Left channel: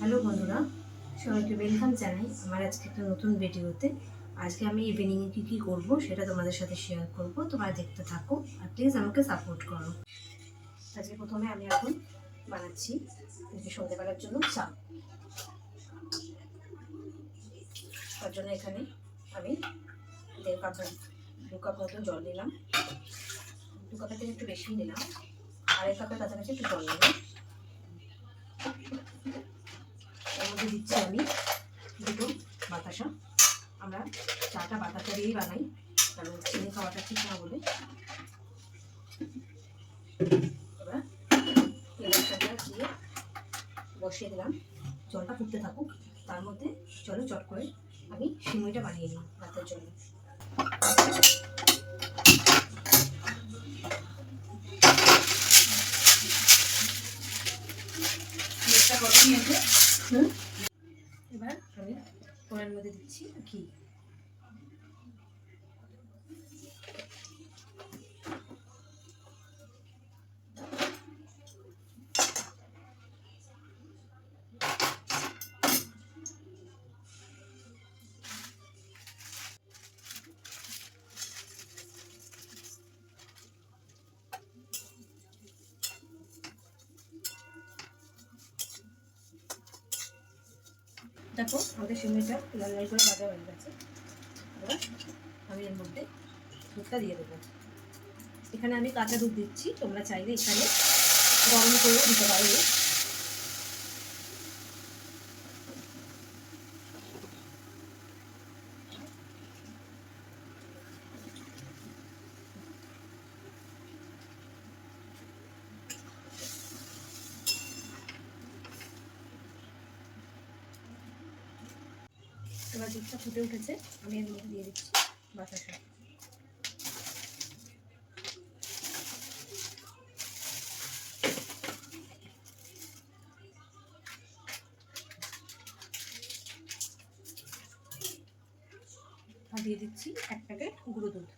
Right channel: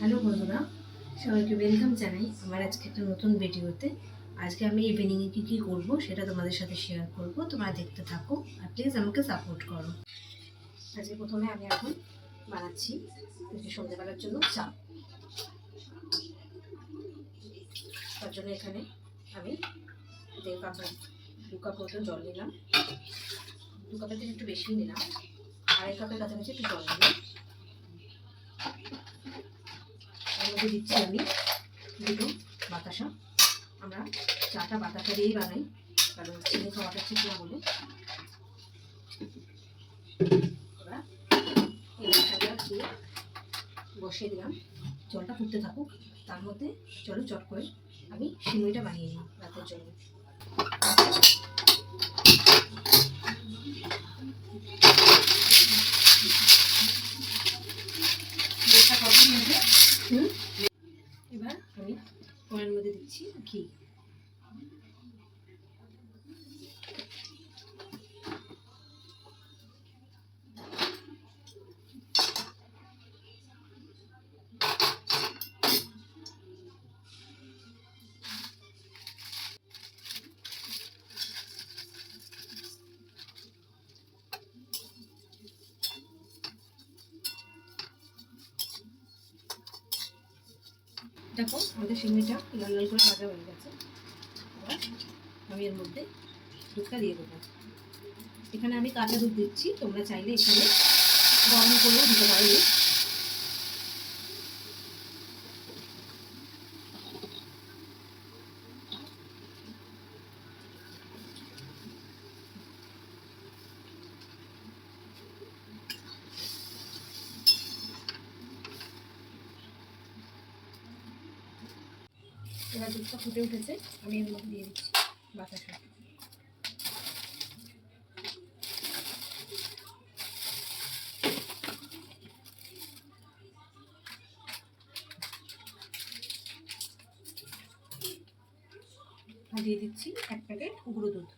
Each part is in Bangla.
হ্যালো বন্ধুরা, সবাইকে ওয়েলকাম জানাই আমার আজকে একটা নতুন ভিডিওতে। আজকে আমি ইভিনিংয়ে কী করব সেটা তোমাদের সাথে শেয়ার করব। তোমরা দেখতে থাকো আর প্লিজ আমাকে সাপোর্ট করো। আজকে প্রথমে আমি এখন বানাচ্ছি সন্ধ্যেবেলার জন্য চা। তার জন্য এখানে আমি 2 কাপ মতো জল নিলাম। 2 কাপের থেকে একটু বেশি নিলাম, 2.5 কাপের কাছাকাছি একটু জল নিলাম। এর মধ্যে দিচ্ছি আমি 2 বাতাসা। আমরা চাটা বাতাসা দিয়েই বানাই, কারণ চিনি খাওয়াটা ঠিক না বলে। এবার এই বাতাসাটা দিয়ে বসিয়ে দিলাম, জলটা ফুটতে থাকুক। তার মধ্যে চলো চট করে আমি সিমুইটা বানিয়ে নিই রাতের জন্য। এবার আমি কড়াইয়ের মধ্যে দিচ্ছি ঘি। দেখো আমাদের সিমুইটা লাল লাল করে ভাজা হয়ে গেছে। এবার আমি এর মধ্যে দুধটা দিয়ে দেবো। এখানে আমি কাঁচা দুধ দিচ্ছি, তোমরা চাইলে এখানে গরম করেও দিতে পারো। এবার দুধটা ফুটে উঠেছে, আমি এর মধ্যে দিয়ে দিচ্ছি বাতাসা। আর দিয়ে দিচ্ছি 1 প্যাকেট গুঁড়ো দুধ।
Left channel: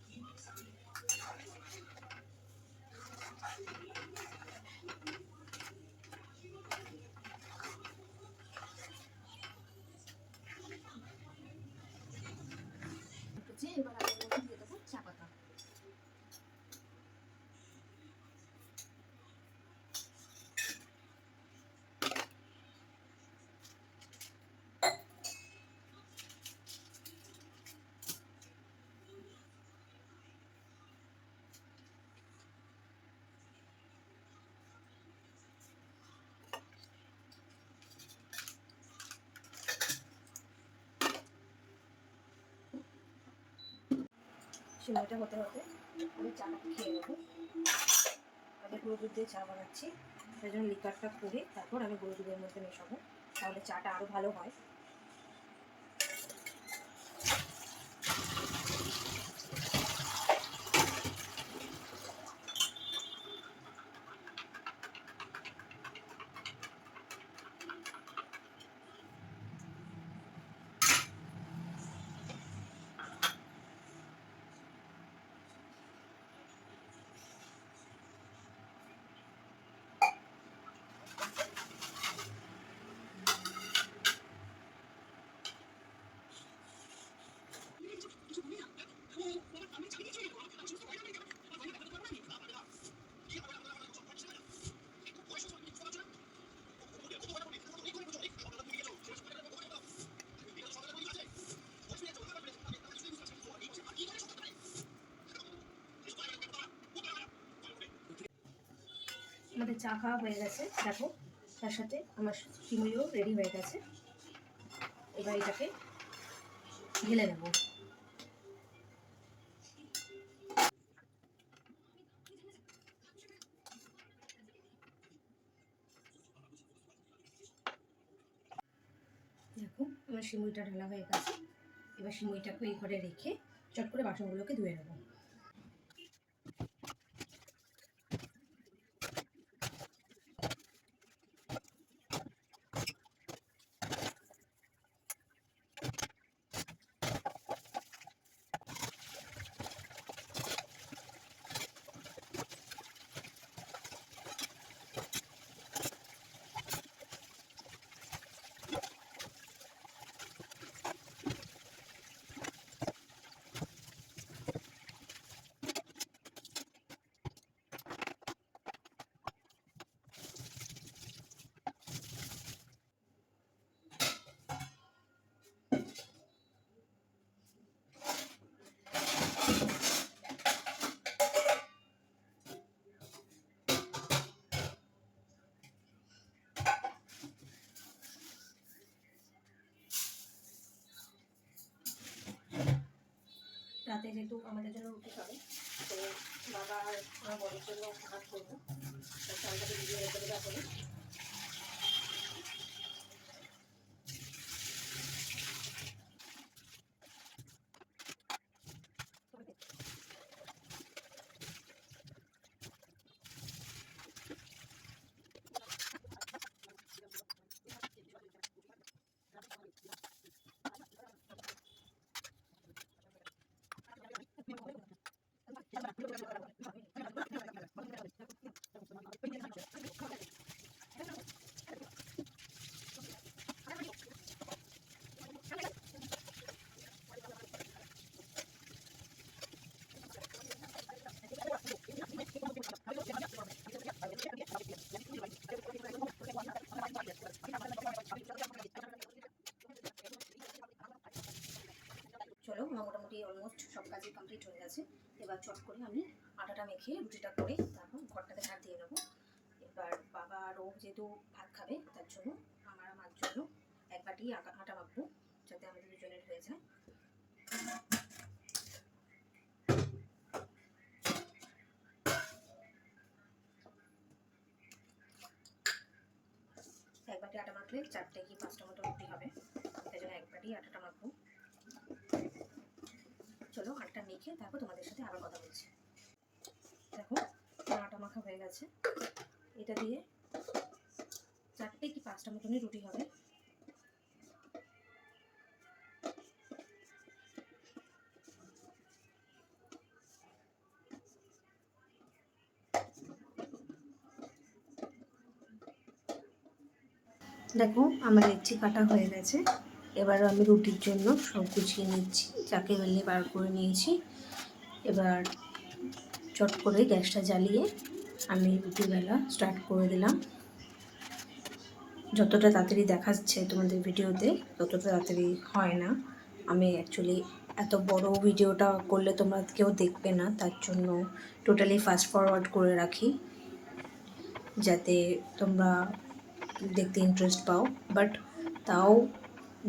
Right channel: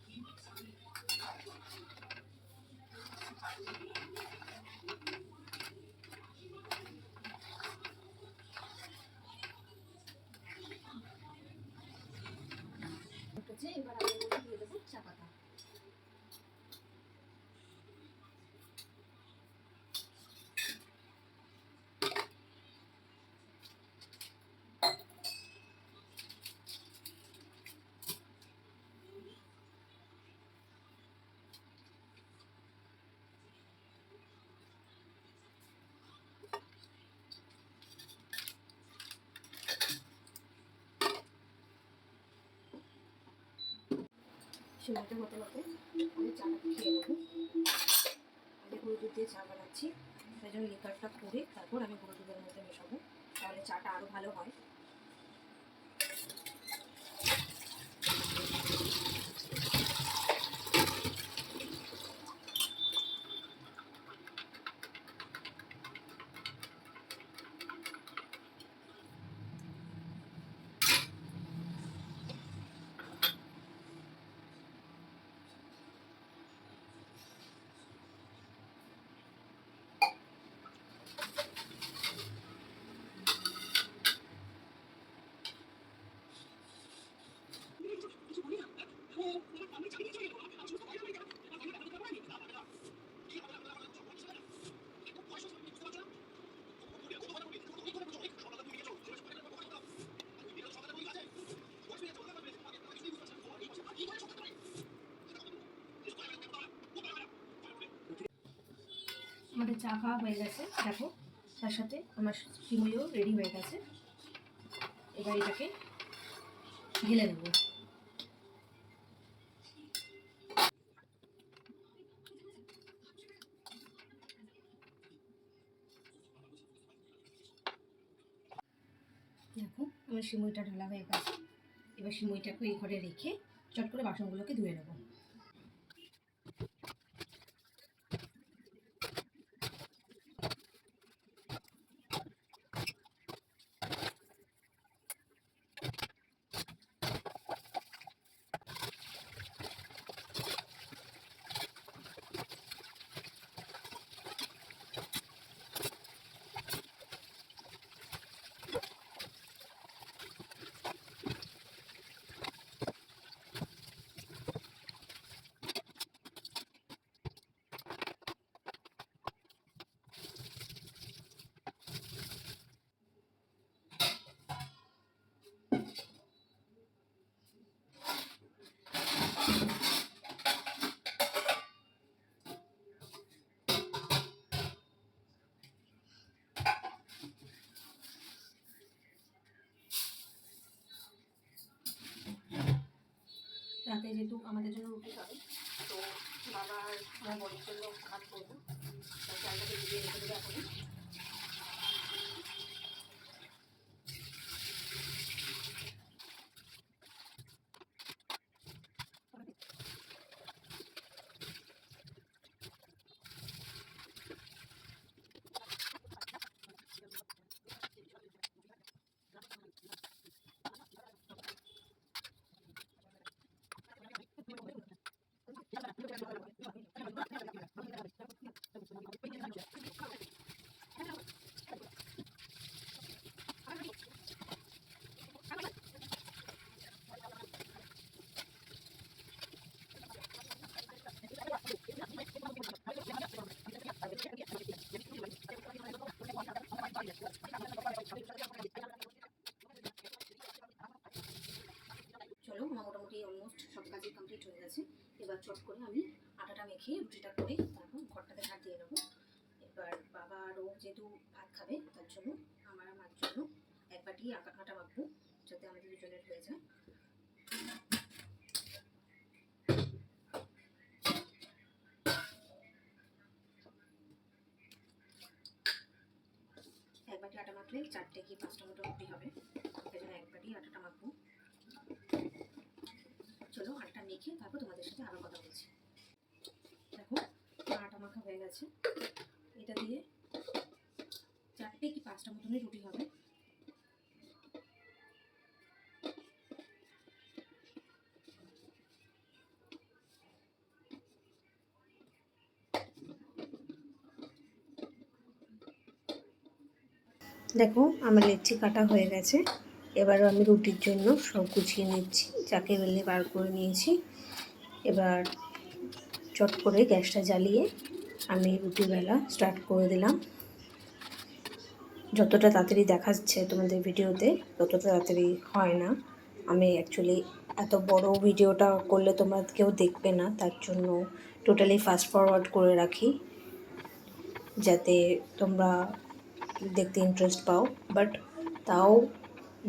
এবার আমি এর মধ্যে দিয়ে দেবো চা পাতা। সিমুইটা হতে হতে আমি চাটা খেয়ে নেবো। আমি গুঁড়ো দুধ দিয়ে চা বানাচ্ছি, তাই জন্য লিকারটা করে তারপর আমি গুঁড়ো দুধের মধ্যে মেশাবো, তাহলে চাটা আরও ভালো হয়। আমাদের চা খাওয়া হয়ে গেছে, দেখো তার সাথে আমার সিমুইও রেডি হয়ে গেছে। এবার এটাকে ঢেলে নেব। দেখো আমার সিমুইটা ঢালা হয়ে গেছে। এবার সিমুইটাকে এই ঘরে রেখে চট করে বাসনগুলোকে ধুয়ে নেব। রাতে যেহেতু আমাদের জন্য রুটি খাবে, তো বাবা আর আমার বড়ির জন্য ভাত করবো। চালটাকে ভিজিয়ে রেখে দেবো এখন। চলো, আমার মোটামুটি অলমোস্ট সব কাজই কমপ্লিট হয়ে গেছে। এবার চট করে আমি আটাটা মেখে রুটিটা করে তারপর ঘরটাকে ঝাড় দিয়ে নেবো। এবার বাবা আরও যেহেতু ভাত খাবে, তার জন্য আমার জন্য এক বাটি আটা মাখবো, যাতে আমাদের দুজনের হয়ে যায়। এক বাটি আটা মাখলে 4টে কি 5টা মতো রুটি হবে, তাই জন্য এক বাটি আটাটা মাখবো। চলো, আটা মেখে তারপর তোমাদের সাথে আবার কথা বলছি। দেখো, আটা মাখা হয়ে গেছে। এটা দিয়ে 4টে কি 5টা মতনই রুটি হবে। দেখো, আমার লেচি কাটা হয়ে গেছে। এবার আমি রুটির জন্য সব গুছিয়ে নিচ্ছি, চাকে বেলে বার করে নিয়েছি। এবার চট করে গ্যাসটা জ্বালিয়ে আমি রুটি বেলা স্টার্ট করে দিলাম। যতটা তাড়াতাড়ি দেখাচ্ছে তোমাদের ভিডিওতে, ততটা তাড়াতাড়ি হয় না। আমি অ্যাকচুয়ালি এত বড় ভিডিওটা করলে তোমরা কেউ দেখবে না, তার জন্য টোটালি ফাস্ট ফরওয়ার্ড করে রাখি, যাতে তোমরা দেখতে ইন্টারেস্ট পাও। বাট তাও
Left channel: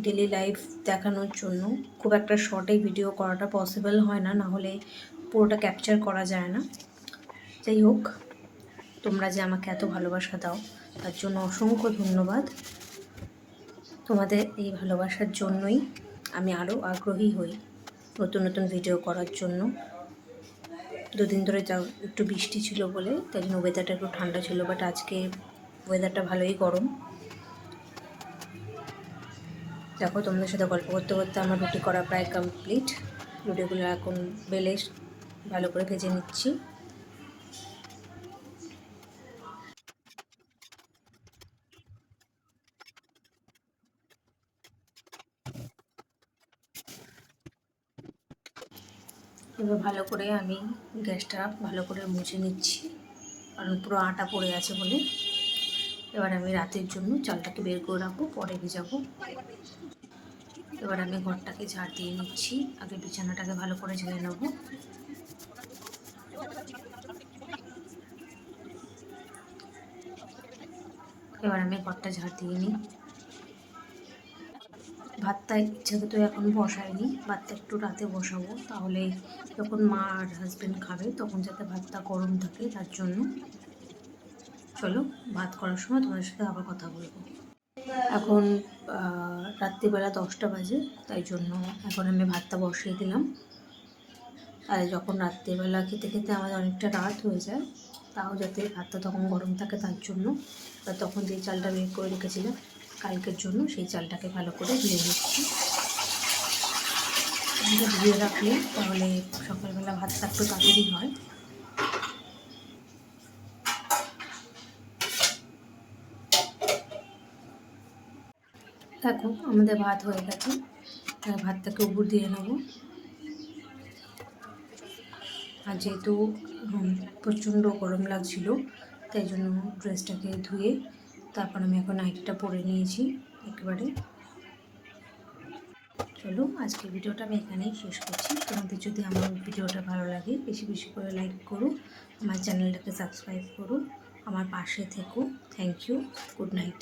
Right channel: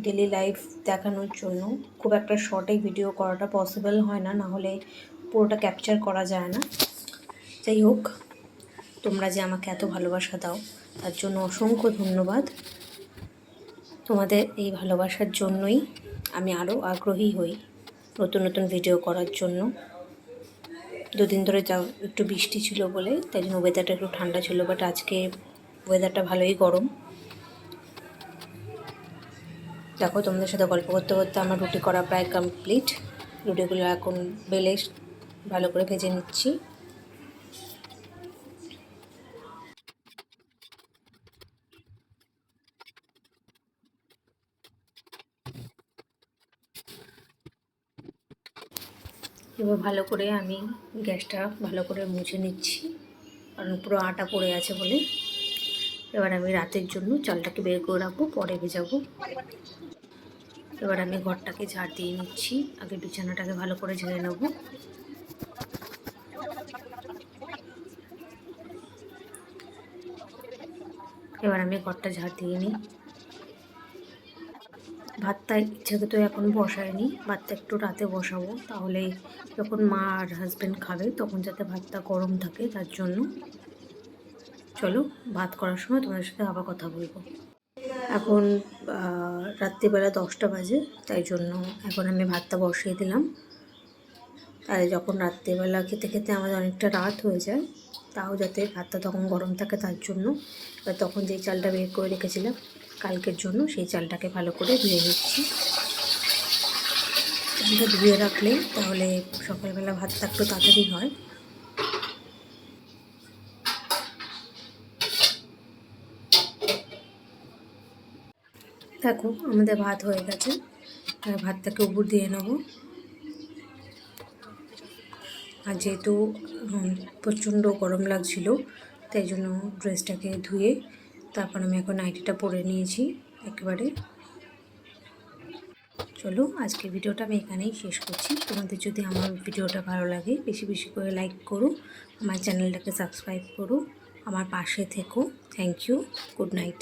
ডেলি লাইফ দেখানোর জন্য খুব একটা শর্টে ভিডিও করাটা পসিবল হয় না, নাহলে পুরোটা ক্যাপচার করা যায় না। যাই হোক, তোমরা যে আমাকে এত ভালোবাসা দাও, তার জন্য অসংখ্য ধন্যবাদ। তোমাদের এই ভালোবাসার জন্যই আমি আরও আগ্রহী হই নতুন নতুন ভিডিও করার জন্য। দুদিন ধরে যাও একটু বৃষ্টি ছিল বলে, তাই জন্য ওয়েদারটা একটু ঠান্ডা ছিল, বাট আজকে ওয়েদারটা ভালোই গরম। দেখো, তোমাদের সাথে গল্প করতে করতে আমার রুটি করা প্রায় কমপ্লিট। রুটিগুলো এখন বেলে ভালো করে ভেজে নিচ্ছি। এবার ভালো করে আমি গ্যাসটা ভালো করে মুছে নিচ্ছি, কারণ পুরো আটা পড়ে আছে বলে। এবার আমি রাতের জন্য চালটাকে বের করে রাখবো, পরে ভেজাবো। এবার আমি ঘরটাকে ঝাড় দিয়ে নিচ্ছি, আগে বিছানাটাকে ভালো করে ঝেড়ে নেবো। এবার আমি ঘরটা ঝাড় দিয়ে নিই। ভাতটা ইচ্ছাকে তো এখন বসাইনি, ভাতটা একটু রাতে বসাবো, তাহলে যখন মা আর হাজব্যান্ড খাবে তখন যাতে ভাতটা গরম থাকে, তার জন্য। চলো, ভাত করার সময় তোমাদের সাথে আবার কথা বলবো। এখন রাত্রিবেলা 10টা বাজে, তাই জন্য এখন আমি ভাতটা বসিয়ে দিলাম। তাহলে যখন রাত্রিবেলা খেতে খেতে আমাদের অনেকটা রাত হয়ে যায়, তাও যাতে ভাতটা তখন গরম থাকে, তার জন্য। বা তখন যেই চালটা বের করে রেখেছিলাম কালকের জন্য, সেই চালটাকে ভালো করে ধুয়ে নিচ্ছি। ধুয়ে রাখলে তাহলে সকালবেলা ভাতটা একটু তাড়াতাড়ি হয়। দেখো, আমাদের ভাত হয়ে গেছে, ভাতটাকে উপর দিয়ে নেবো। আর যেহেতু প্রচণ্ড গরম লাগছিল, তাই জন্য ড্রেসটাকে ধুয়ে তারপর আমি এখন নাইটিটা পরে নিয়েছি একেবারে। চলো, আজকে ভিডিওটা আমি এখানেই শেষ করছি। তোমাদের যদি আমার ভিডিওটা ভালো লাগে, বেশি বেশি করে লাইক করো, আমার চ্যানেলটাকে সাবস্ক্রাইব করো, আমার পাশে থেকো। Thank you, good night.